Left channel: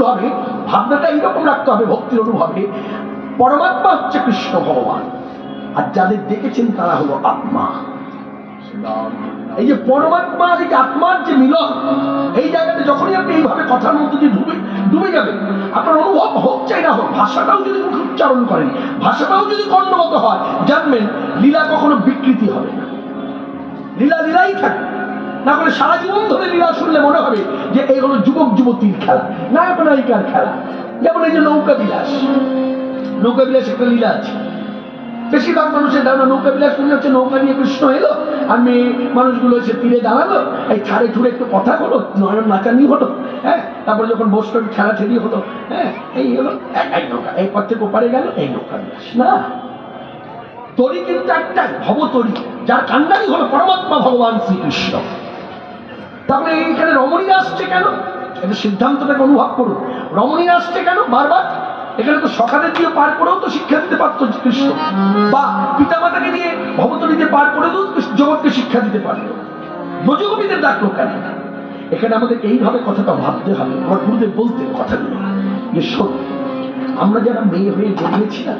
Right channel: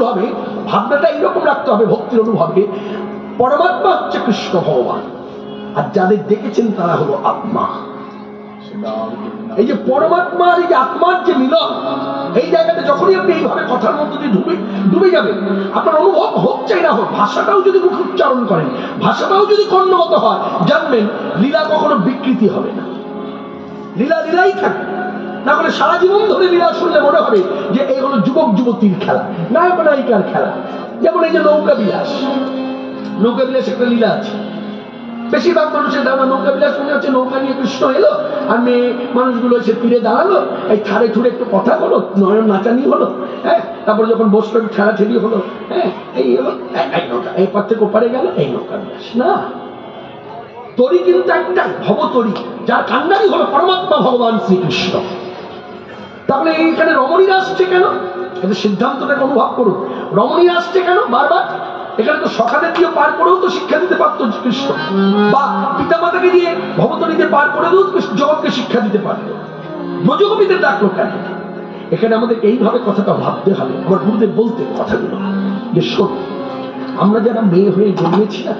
ভুল হবে, ভাবনাটা এইরকম রাখতে হবে ভক্তির অনুভবে, পরমাত্মা হচ্ছে কৃষ্ণ ভগবান, আর যাদের দেখেছেন তারা হলো আত্মা। এই যে পরমাত্মার এই যে আত্মার যে মিলন, এই জায়গাটা যখনই আপনি এইভাবে কথার মধ্যে দিয়ে ডুবে যাবেন, আপনার অনুভব হোক চাই না হোক, ভাষাটাও যদি মুখে উচ্চারণ করেন, ভাষাটাও যদি কর্ণগত হয়, জানবেন লীলা কখনো বিকৃতি হবে না, লীলা লীলাই থাকে। না হলে সারা জীবন ধরে লীলা শুনলে মনে হবে যে এই হলো যুবক যুবতীর খেলা, নায়ক নায়িকার খেলা। যেমন এই যে নৌকা বিলাস, নৌকা বিলাস একটা লীলা আছে। বেশিরভাগ মানুষের ধারণা নৌকা বিলাস মনে হচ্ছে নৌকা নিয়ে কৃষ্ণ এলো আর মেয়ে মানুষগুলো এসে তীরে দাঁড়ালো, এই ঠাড়ে ঠুড়ে একটু কথা হলো, নয়ন নাচানি হলো, হ্যাঁ, তারপরে যখন বসলো ঠেলা ঠেলি হলো, হ্যাঁ, এই হলো এই নৌকা, এই পথ থেকে ওপারে গেল, এই নৌকা বিলাস না। তরি কিন্তু একটাই, ভবতরি, যার কান্ডারি হলো পরমাত্মা ভগবান শ্রীকৃষ্ণ। তাহলে এইখানে রমণীরা আসছে কেন? এটা সিদ্ধান্তটাকে অনুভব করুন। রমণীরা আসছে কেন বারবার? এখানে তো সখাদের দিয়ে পার করেও তো শিক্ষা দিতে পারতো কৃষ্ণ, বা পিতামাতাকে দিয়ে ভবতরীতে পার করেও জগৎকে শিক্ষা দিতে পারতো। ব্রজগোপীদের ডাকলো কেন? এখানে আমাদের এইভাবে কথাটা ভাবতে হবে। আমার গুরুদেব বলতে কথাগুলো যে শোন, আমরা যারা মেয়ে হয়ে জন্মেছি না,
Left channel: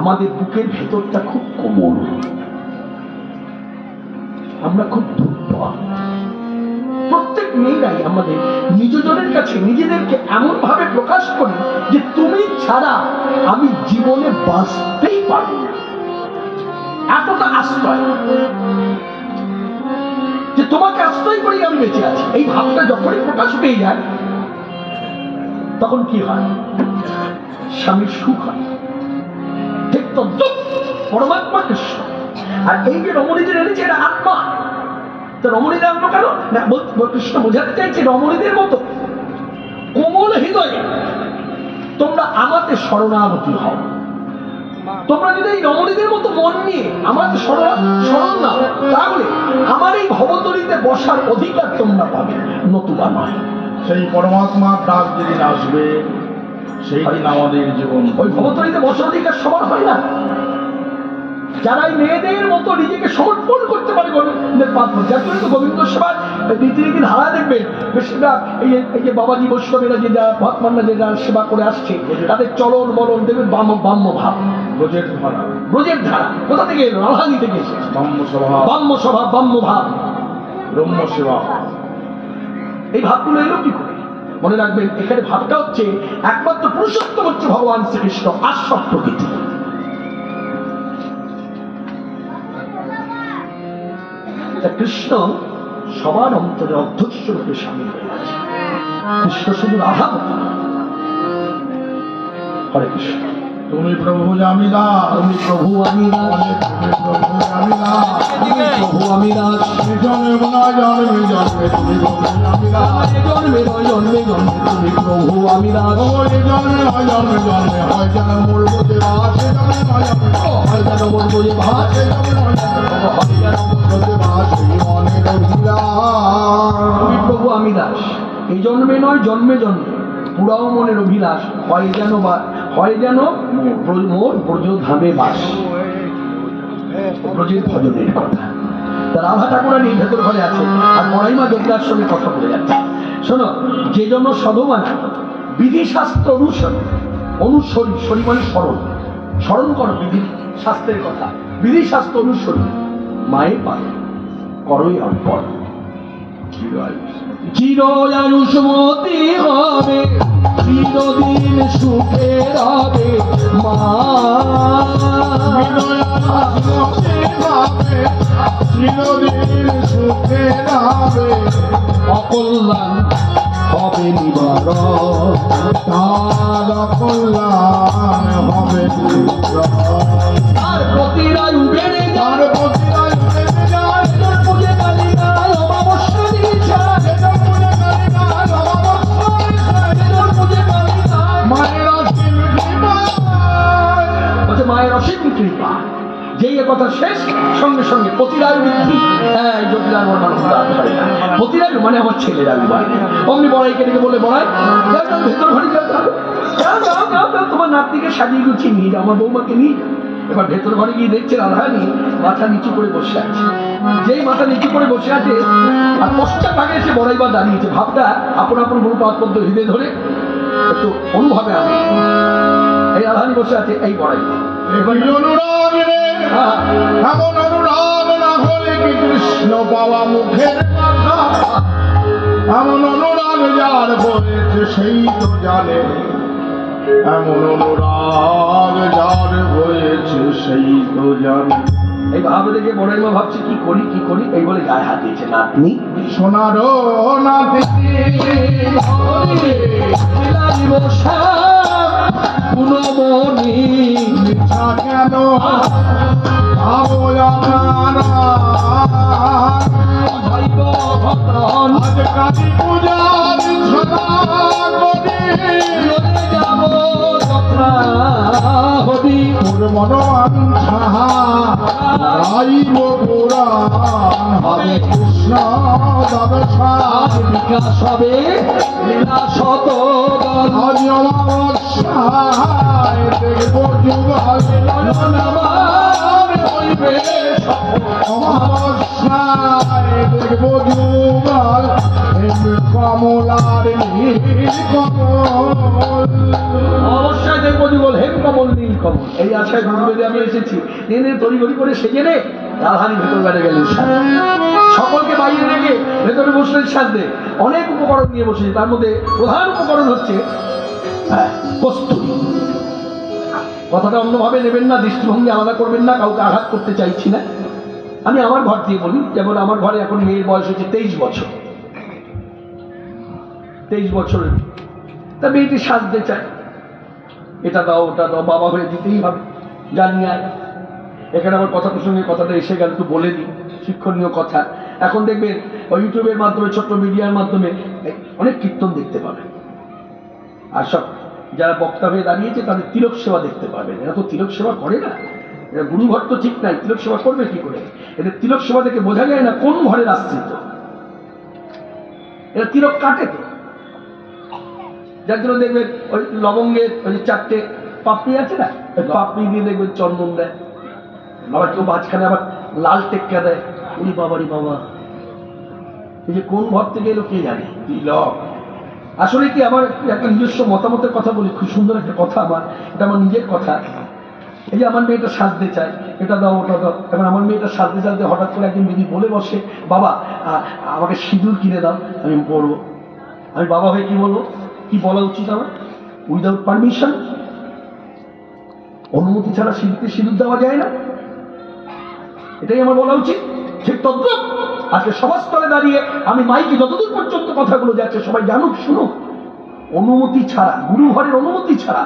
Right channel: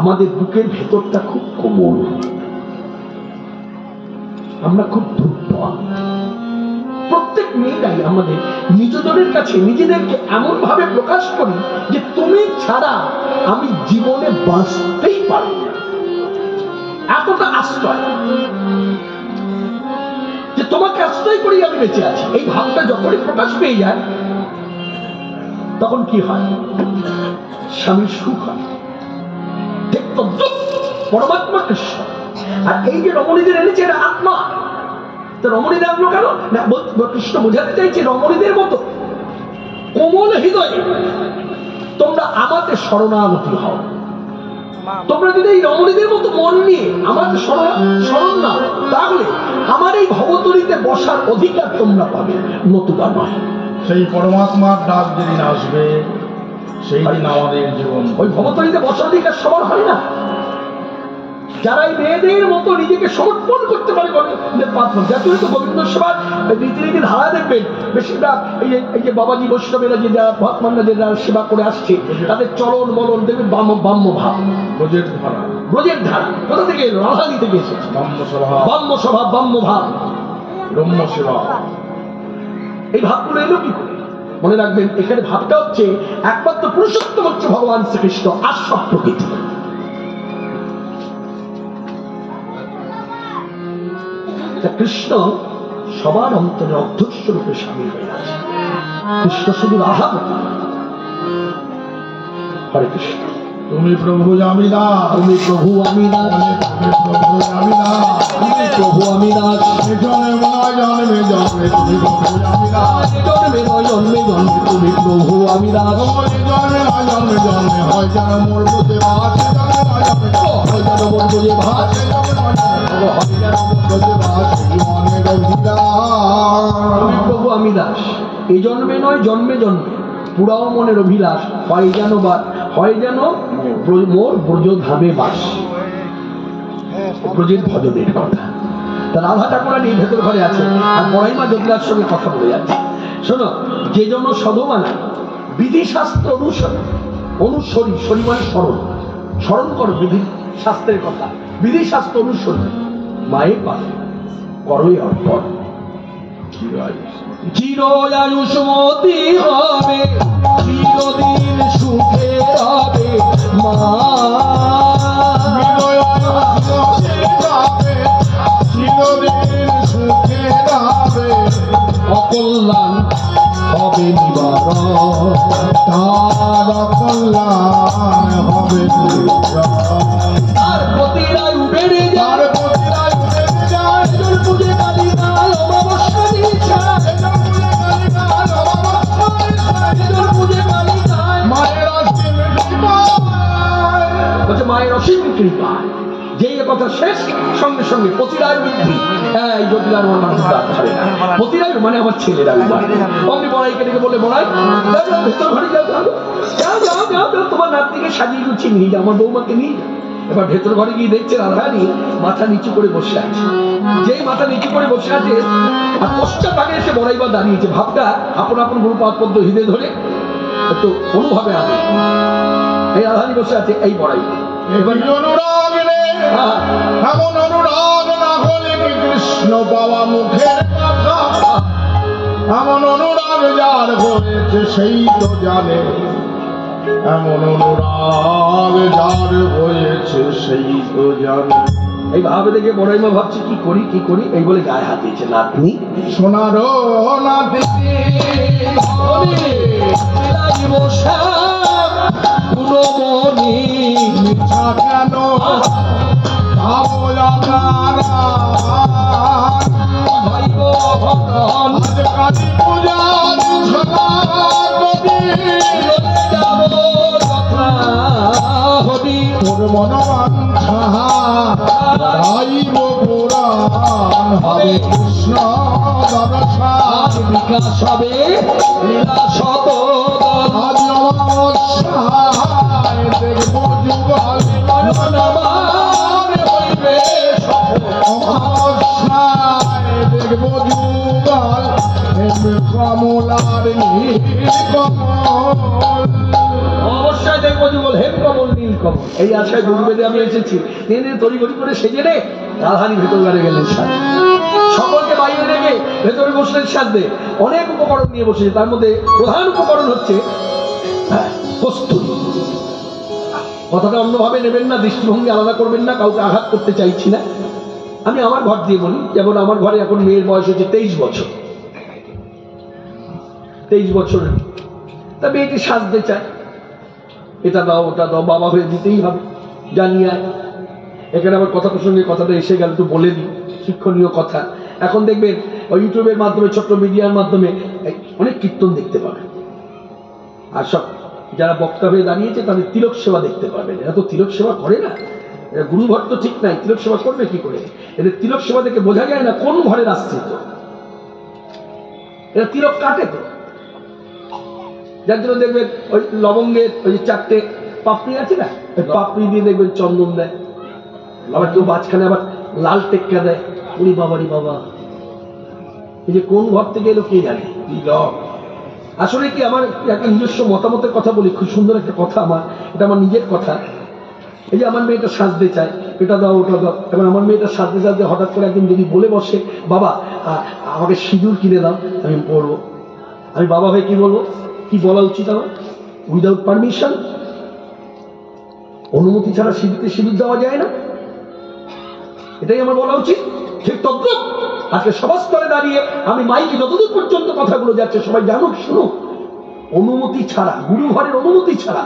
আমাদের বুকের ভেতরটা খুব কোমল, আমরা খুব ধূর্ত। প্রত্যেক মেয়েরাই আমাদের নিজজনের কাছে নিজেদেরকে এমন ভাবে প্রকাশ করি যে তুমি ছাড়া আমি জীবনে বাঁচতেই পারবো না, এতটা আশ্রয়, যে তোমাকে আশ্রয় করি আমি বেঁচে আছি। এই ভাবটা যখনই প্রকাশ পেয়ে যায়, তখন কি হয়? স্বামীর সুখ হয়। দেখতো পরমাত্মা কৃষ্ণ। আর এই যে রমণীদের এনেছে, এটা আত্মা। রমণীদের আপনি কেন না কৃষ্ণ বোঝাতে চাইছে, রমণীদের মতো কোমল হৃদয়ে তোমরা আমাদের শরণাগতি হও। তোমরা যদি এই রমণীদের মতো মন নিয়ে আমাদের শরণ না, তাহলে আমার এই ভবতরীতে বসার অধিকার তোমরা পাবে, নতুবা নয়। সেই পরমাত্মার ডাক যেদিন আসবে, সেই দিন আমাদের জীবন ওই ভবতরীতে বসার অধিকার সবার হয় না। যারা এই মেয়েদের মতো নিজেকে সমর্পণ করতে পারে গোবিন্দ সেবার রীতিনীতি ধারা দেখবেন, বেশিরভাগ এই যে বাবাজি বৈষ্ণবেরা যে ভক্তমানরা যে সেবা করে আসছে, তাদের চলন বলন দেখবেন বাম্য ভাব, ব্রজের ধারা। কোথা থেকে? রাধানি থেকে এসেছে। বাম্য স্বভাব, বাম্য ভাব, ব্রহ্ম সেবা। এই ভাবগুলো এলো কি করে? মনে রাখবেন, এখানে ভাবটা হচ্ছে একমাত্র পুরুষোত্তম হচ্ছে ভগবান শ্রীকৃষ্ণ, আর সব প্রকৃতি। কৃষ্ণ সবার অন্তরে অধ্যক্ষ রূপে সামিল হয়ে আছে। কৃষ্ণ শুধু রাধা। হরে কৃষ্ণ। তুমি প্রভু আমি দাস, তুমি প্রভু আমি দাস, প্রভু আমি দাস, তুমি প্রভু আমি দাস। জন্মে জন্মে জন্মে তুমি প্রভু আমি দাস, জন্মে জন্মে জন্মে তুমি প্রভু আমি দাস। জন্মে জন্মে জন্মে হয় যেন মোর বুঝে ভাসে, হয় যেন মোর বুঝে ভাসে, হয় যেন মোর বুঝে ভাসে মনের অভিলাষ। তুমি প্রভু আমি দাস, এই জন্মে নয় জন্মে জন্মে পুরাও মনের অভিলাষ, হয় যেন মোর ব্রজধামে বাস। ব্রজের ভজনের কথা। রাধা ঠাকুরানী ভেতর ঘরে আছে, আর বড়াইমা যোগদার সঙ্গে কথা বলে যাচ্ছে। শোনো, যে জন্য সধমানা বিধি শাস্ত্র অনুসরী, শরী মানে স্মরণ করো বিধি শাস্ত্রের কথা, বিধি শাস্ত্র অনুসরী মায়ের পাবে করই অর্পণ। চিরায়ুষ্মতি হবে, চিরদিন সুখে হবে মা। চিরদিন সুখে হবে, অকল্যাণ হবে নিবারণ, তার অকল্যাণ হবে নিবারণ। তার প্রতিরায়ু বেড়ে যায়, মায়ের অসীম কৃপা। যেই কথা শেষ, সঙ্গে সঙ্গে প্রতিরায়ু বৃদ্ধি। এই জটিলার প্রতিরায়ু মানে আমার ছেলের আমি অমনি বড়াইকে ডেকে বলে, বড়াই ভেতর ঘরে যাও, যাও যাও যাও, তোমার নাতনিকে সাজিয়ে গুছিয়ে নিয়ে যাও, আমার বৌমাকে নিয়ে যাও। এবার ভেতর ঘরে গিয়ে দেখছে রাধারানী মাথা নিচু করে বসে আছে। যেই মাথা নিচু করে বসে আছে, আর পশ্চাৎ আগে এসে বড়াইবার দাঁড়িয়েছে। ভাবটা আপন আপন গুরুপাদ পদ্ম হৃদয় ধরে একটু অনুভবে আনে। এই রাধারানী বসে আছে এই বড়াই, অনুরাগ রে হ্যাঁ, এমন অনুরাগ না হলে কি কৃষ্ণ পাওয়া মুখের কথা, এমন অনুরাগ যার হয়েছে সেই তো জানে, এমন অনুরাগ যার হয়েছে সেই তো জানে। এই ভাবে দেখে বড়াইমা ভাবছি কি করি কি করি, এই বলে গায়ে হাত দিয়েছে। নাতনি সোনারো নাতিনি গুণমণি মিথ্যা কেন ভাবো আপনারা, আজ কালী পূজার ছলা করি তোর মনোবাঞ্ছা গাইব পুরাণ, হরে কৃষ্ণ ব্যবসা বিকাশ হবে লীলা শত আজ অমাবস্যায় দেখব যুগল অমাবস্যায় দেখব যুগল কমলার অবশ্যই দেখবো জীবন হে কমল নীল কমল। এই আশায় দুর্বেদে আমরা এসেছি। ট্রেনে তড়িঘড়ি করে সেজে নে রাধারানী ভেতর বেড়ে গেলেন সাজে, সকলকে বাইরে রেখে ভেতরে বসলেন সাজতে। অনেক উপকরণ নিয়ে বসেছে, তার মধ্যে প্রধান উপকরণ হচ্ছে কস্তুরী। কথাটা অন্যভাবে নেবেন না, দৃষ্টিভঙ্গি আলাদা করবেন না, কাউকে আঘাত করতে চাইছি না। আমি আমার ঘর দিয়ে বলি, যেমন আমার ঘরে এখন মেয়ের বয়স হচ্ছে 23 বছর। 23 বছরের তা মেয়েটি সাজতে চায়, এটা দাও ওটা দাও, বাবা হয়ে দিতেই হবে জানি। আর এখানে আমার কথা প্রসঙ্গে কথাটা এসে গেল, একটু বলে দিই শিক্ষণীয় কথা। এখন দেখবেন ইউটিউবের মাধ্যমে, ছোট্ট মিডিয়ার মাধ্যমে অনেক কীর্তন দেখতে পাবেন, আর সব যারা বক্তা হয়ে দাঁড়িয়েছে তাদের তিলক সেবা দেখতে পাবেন। এরা তো তিলক সেবা করে না, এরা গুরুঘর তো ঠিক নাই, তিলক সেবা করবে কি করে? এদের তিলক সেবা দেখে বোঝা যায় না কোন ঘরের আশ্রিত। এরা তিলক কাটে তো, যার জন্য দেখবেন ওই লবঙ্গের ওই যে 4টে পাপড়ি আছে না, ওই পাপড়ি দিয়ে দেখবেন চন্দন দেয়, আবার কেউ মাঝখানে আবার লাল টেক্কা দেয়। উনি বাবারি বাবা, এই যে কোন ঘর থেকে এলো কে জানে। তিলক আসলে কি, আমার একটা নিজস্ব মতামতের কথা বলি, খুব সুন্দর একটা কথা আমার, এটা আমার নিজের কথা। এই যে আমার মেয়েটা সাজতে চায়, এটা দাও ওটা দাও। এবার আমার মেয়েটা সাজতে সাজতে হঠাৎ করে একদিন যদি বলে বসে, বাবা আমাকে সিঁদুর কিনে দাও, আমি পড়বো। আমি বাবা হয়ে কি বলবো? কি বলা উচিত আমার? উইদাউট পারমিশন, অনুমতি ছাড়া সিঁদুরকে সিঁদুর দেওয়া যায় না, এটাই আমার বলা উচিত। ঠিক তদ্রুপ আজকে সভাস্থলে দাঁড়িয়ে আমি মাইকে যতদূর পর্যন্ত কথাগুলো যাচ্ছে সবাই জানুক, শুনুক, অনুমতি ছাড়া, গুরু ঘরের অনুমতি ছাড়া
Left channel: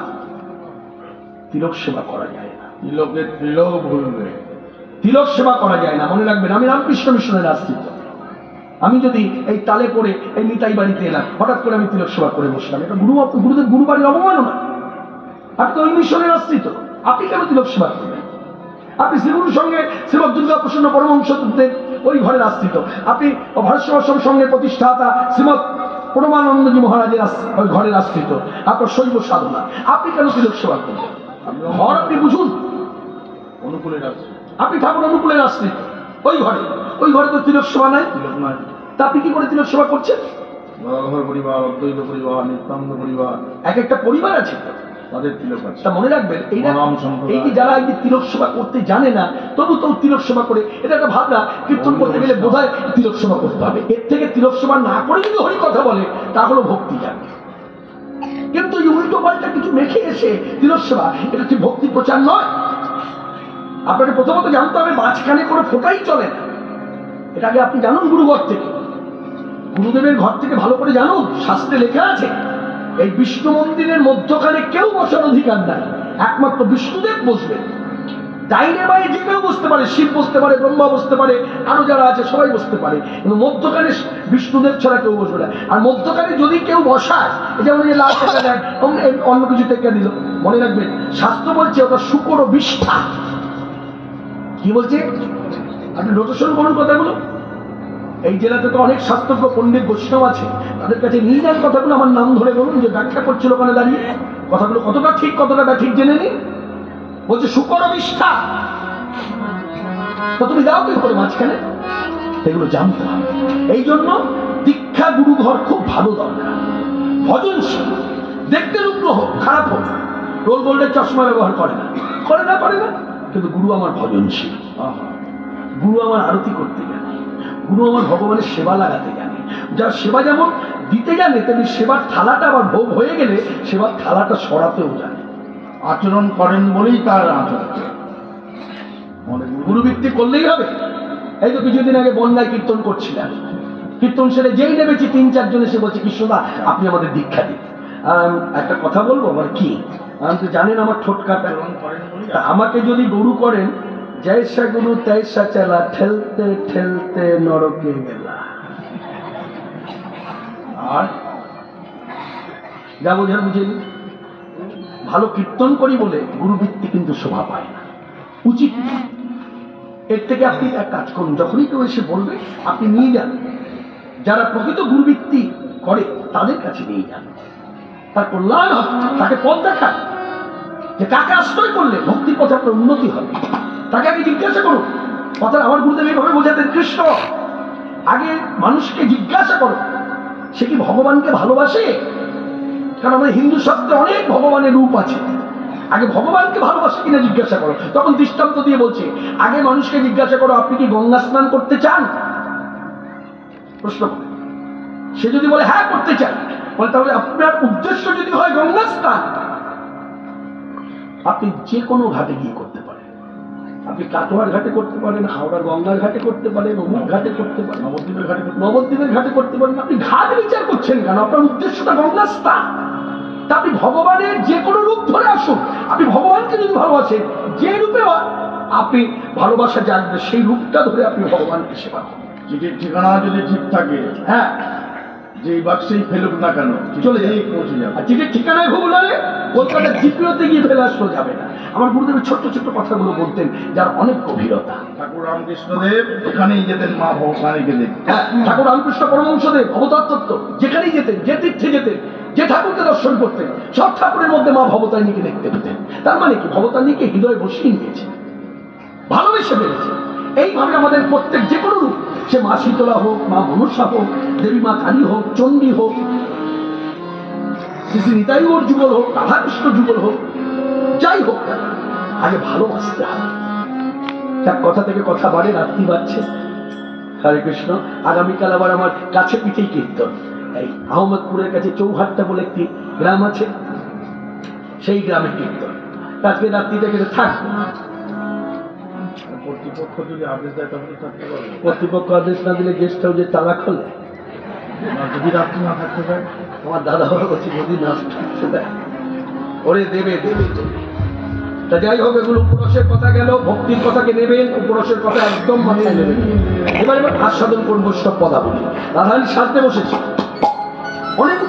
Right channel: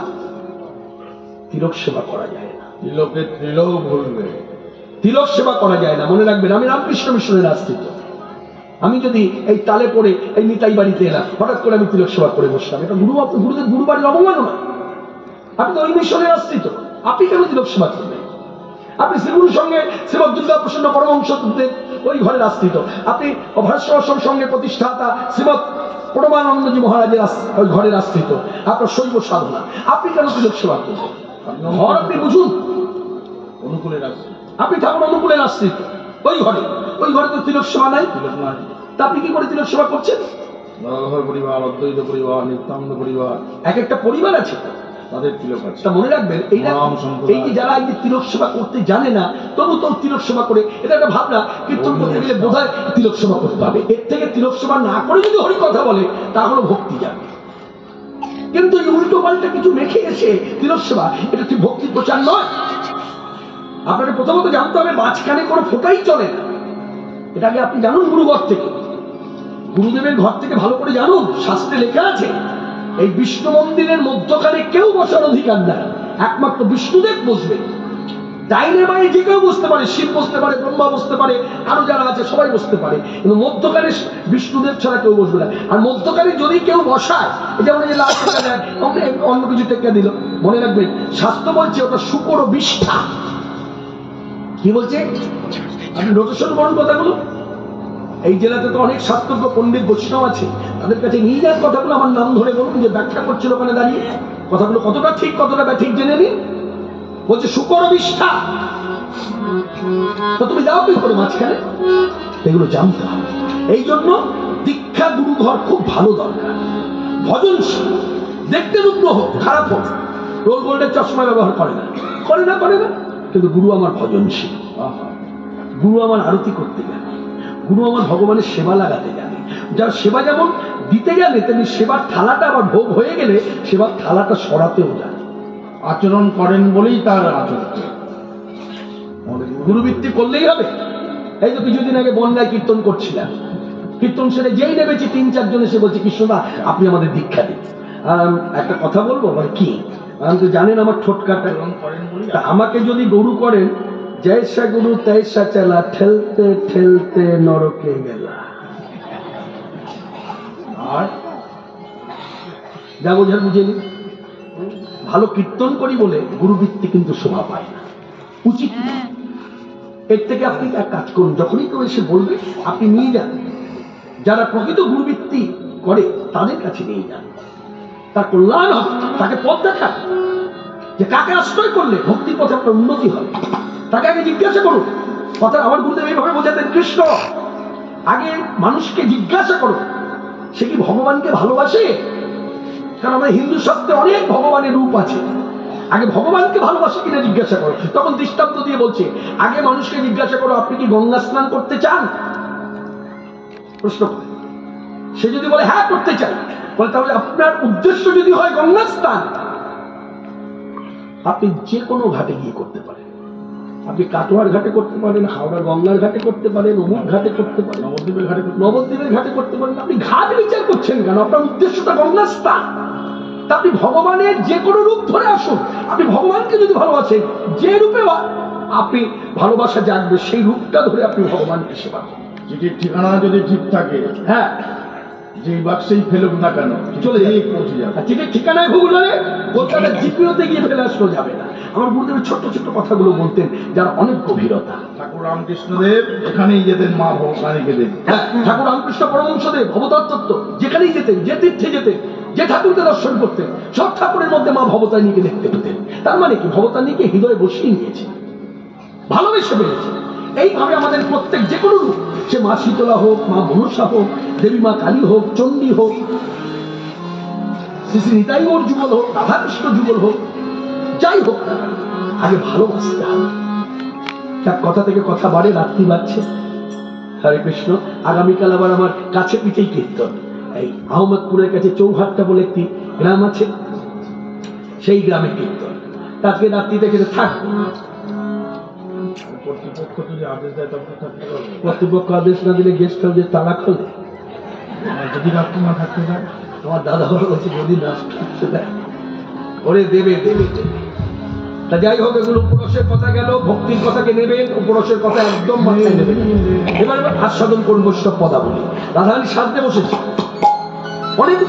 তিলক সেবা করা যায় না। তিলকের তিলক ভুলবে, তিলক সেবা করা যায় না, মনে রাখবেন। আমি রামকৃষ্ণ মিশনের আশ্রিত। আমি যদি এই তালে পড়ে এই নিতাই বাড়িতে এলাম, হঠাৎ করে আমি তিলক সেবা করে বসলাম, এটা গুরুদেব গুরু বাড়ির অবমাননা। আপনি তো ওই মিশনের আশ্রিত, আপনি কেন তিলক সেবা করবেন? আপনি শ্রীগুরুর সঙ্গে শ্রীমৎ দুর্গা প্রসন্ন পরমহংসদেব ওই ঘরের আশ্রিত। আপনি ভারত আশ্রম সঙ্গে প্রতিষ্ঠাতা শ্রীমৎ পরমানন্দজি মহারাজের ওই ঘরের আশ্রিত। আপনার শৈব সাধনা, আপনি কেন তিলক সেবা করবেন? ঘর আপনি বুঝুন, অনুকূলের আসছে, আপনি ঠাকুর অনুকূলের আশ্রিত। ওই ঘরে তো তিলক সেবা নাই, তিলক নয়। তা আপনি কি করে তিলক সেবা করছেন? গদাধর পরিবার, অদ্বৈত পরিবার, নিত্যানন্দ পরিবার, এক একটা পরিবার আছে তো, তাদের তিলক আছে। তা মনে রাখবেন, এই যে যারা এই যে তিলক সেবা করতে জানে না, তবু তো তিলক সেবা করে, এটা একটা ভাবনা। কীর্তন করতে গেলে বোধহয় তিলক সেবা করতে হবে, এর থেকে তিলক সেবা না করে যদি হরি কথা বলে তা হলো ভক্তি জানে। কিন্তু এই উল্টো পাল্টা কিছু মেখে এসে তিলক সেবা, এটা ঠিক ভক্তির প্রচার নয়। আপনাকে প্রথমত জানতে হবে মাঝখানে কোনো ফোটাই চলে না, এটাকে আপনি জানুন গুরুঘর থেকে, গুরুদেবের ঘর থেকে ভালো করে জানুন। শাস্ত্রে লেখা আছে এই বিষ্ণু মন্দিরের মধ্যখানে কেউ বসার অধিকার নাই, একমাত্র বিষ্ণুদেব বসবেন। ডাইনে বাঁয়ে যে কেউ বসতে পারে, শিব বসতে পারে, ব্রহ্মা বসতে পারে, আরো যারা আছে সবাই বসতে পারে, কিন্তু মধ্যখানে বিষ্ণুদেব ছাড়া কেউ বসবে না। আর মধ্যখানে যদি কেউ বসায়, যেমন এই লাল টাকা দেয়, অন্য কিছু টেকা দিল, মনে রাখবেন শাস্ত্র বলছে ওটা শুকর বিষ্ঠা। কি বলছে? আপনি রোটেশন করুন কথাগুলো। এই জেলাতে তো অনেক শাস্ত্রজ্ঞ পণ্ডিত বৈষ্ণব আছে, তাদের কাছে নিয়ে যান কথাগুলো, আমার নাম ধরে বলুন যে ব্যাখ্যা করছিল ওখানে দাঁড়িয়ে, কথাগুলো কতটা ঠিক কতটা ব্যাঠিক জেনে নিন। বলছে শুকর বিষ্ঠা, তো তুমি যাও কি করে মাঝখানে? এগুলো জানতে হবে। এই জন্য দীক্ষা গুরু ঘর খুব ভালো দরকার, ভজনশীল। দেখতে রূপ হোক, খারাপ হোক, রোল গোল্ডের চশমা ব্যবহার করে না, কিন্তু গুরু আমার ভজনশীল, গুরু আমার আরতি করতে জানে, গুরু আমার ভগবানের সেবা লাগাতে জানে। যার সেবা যেমন দিতে জানে, তেমনি সেবার থালাটা আবার ভোগ হয়ে গেলে সেবার থালাটা সরাতেও জানে। আচরণ করেন বলেই তার আচরণ। গুরুবৃত্তি করলেই হবে। এই তো কিছুদিন আগে বন্যায় কীর্তন করছিলাম, কীর্তন সেরে যেই নেমেছি 3-4 জন এসে বলছে, কৃষ্ণদা আপনি আমাদের দীক্ষা দিন। একটা কথা বলবো, আমার কি, আমি তো জানেন আমার ঠোঁট কাটা, তা আমাকে যদি গুরু করেন, জয়সা গুরু তৈসা চালা, ঠেলতে ঠেলতে নরকে গেলা। আর যা বোঝার বুঝে নি। ভালো কীর্তন করি বলে গুরুবৃত্তি কিন্তু শোভা পায় না, উচিত না। এর থেকে আপনি এক কাজ করুন, যখনই কেউ এসে বলবে আপনি নিয়ে যান, যারা প্রকৃত গুরুবৃত্তি করে তাদের কাছে নিয়ে যান, তার কল্যাণ হবে, তাকে পথ দেখান যে কাকে আশ্রয় করলে ভক্তির পথে আপনার উন্নতি হবে। তাকে আগে জিজ্ঞাসা করুন। কথা আমার গুরুদেব এইভাবে বোঝাতেন, কৃষ্ণ আগে মানুষকে জিজ্ঞাসা করো সে কি ভগবানকে ভালোবাসে। কারণ আমাদের হিন্দু শাস্ত্রে অনেক ভগবানের রূপ আছে, আগে ভগবানকে ভালোবাসে কিনা জিজ্ঞাসা করো। তখন দৃষ্টান্ত দিয়ে বলছে, আগে মানুষকে জিজ্ঞাসা করো আপনি কি গঙ্গা স্নান করতে চান। প্রশ্ন, সে যদি বলে হ্যাঁ করতে চাই, বলে তাহলে আপনার উদ্দেশ্য যদি হয় গঙ্গা স্নান, আপনি যে কোনো ঘাটে গিয়ে করতে পারেন। আপনি কাটোয়ার ঘাটে করতে পারেন, হাওড়া গঙ্গার ঘাটে করতে পারেন, অমুক ঘাটে করতে পারেন, নবদ্বীপের ঘাটে করতে পারেন। আপনি ঘাট বিচার করছেন কেন? আপনার উদ্দেশ্যটা গঙ্গা স্নান। তা আপনি ভগবানের যে কোনো রূপ ধরে আসুন, আপনি ভগবানকে যদি ভালোবাসেন, যে রূপে আপনি ভালোবাসা জানবে সেই রূপটা ধরে আপনি ভগবানকে সেবা করুন। চিঠির ঠিকানা যদি ঠিক থাকে, হ্যাঁ, যেই বাক্সেই ফেলুক না কেন চলে যাবে, পৌঁছে যাবে। আর চিঠির ঠিকানায় ভুল হলে কলকাতার জিপিওতে গিয়ে ফেলে আসলো যাবে না। আমার গুরুদেবের ছোট্ট ছোট্ট কথাগুলো বলতেন, যার অনেক গভীরতা। ঠাকুর রামকৃষ্ণদেব এখানেই যেতেন মা ভবানীকে দেখতে। হ্যাঁ, ঠাকুর রামকৃষ্ণ পরমহংসদেব ভবতাত্ত্ব যেখানেই যেতেন, যে তীর্থে যেতেন, যে ঠাকুরকে দর্শন করতেন, সব ঠাকুরের মধ্যে মা ভবতারিণীকে দেখতে পেতেন। তার মানে কি, ভবতারিণীকে হৃদয়ে বসিয়ে নিয়েছে, ভালোবেসে ফেলেছে। এইভাবে আমাদের প্রত্যেক যে কোনো রূপ, সে মা শীতলা হোক, মা মনসা হোক, দেবী মা কালী হোক, চণ্ডী হোক, শ্রী শ্রী নিতাই গৌর যুগল হোক, রাধাকৃষ্ণ যুগল হোক, যাই হোক না কেন, আগে ভালোবাসতে হবে। তার কথা থেকে কথা বাড়ে, রাত্রি বাড়ছে। হরে কৃষ্ণ। আগামীকাল আবার আমার কাছে পিঠেই কীর্তন, এই আহমদপুরের কাছে চৌহাট্টা বলে একটি গ্রাম আছে, সেই গ্রামে কীর্তন। আজকে রাত্রি থেকে থাকবো। কর্তৃপক্ষ যদি আদেশ দেয় তখন থাকতে পারবে। কর্তৃপক্ষ আদেশ না দিলে গেস্ট হাউসে তালা খোলে। আর যদি রাত্রি না থাকতে পারে, আমার দাদা বাবা বলছে যদি নষ্ট হচ্ছে দেয় ওরে দেবে দেবে দেবে। তা যাই হোক, এগুলো উপরসের কথা গেল, ভক্তির কথাকে নেবেন, উপরসের কথা একদম মাথায় নেবেন। এবার আস্বাদন করবো সব পদাবলী। রাধারানী সাজতে বসেছে, অনেক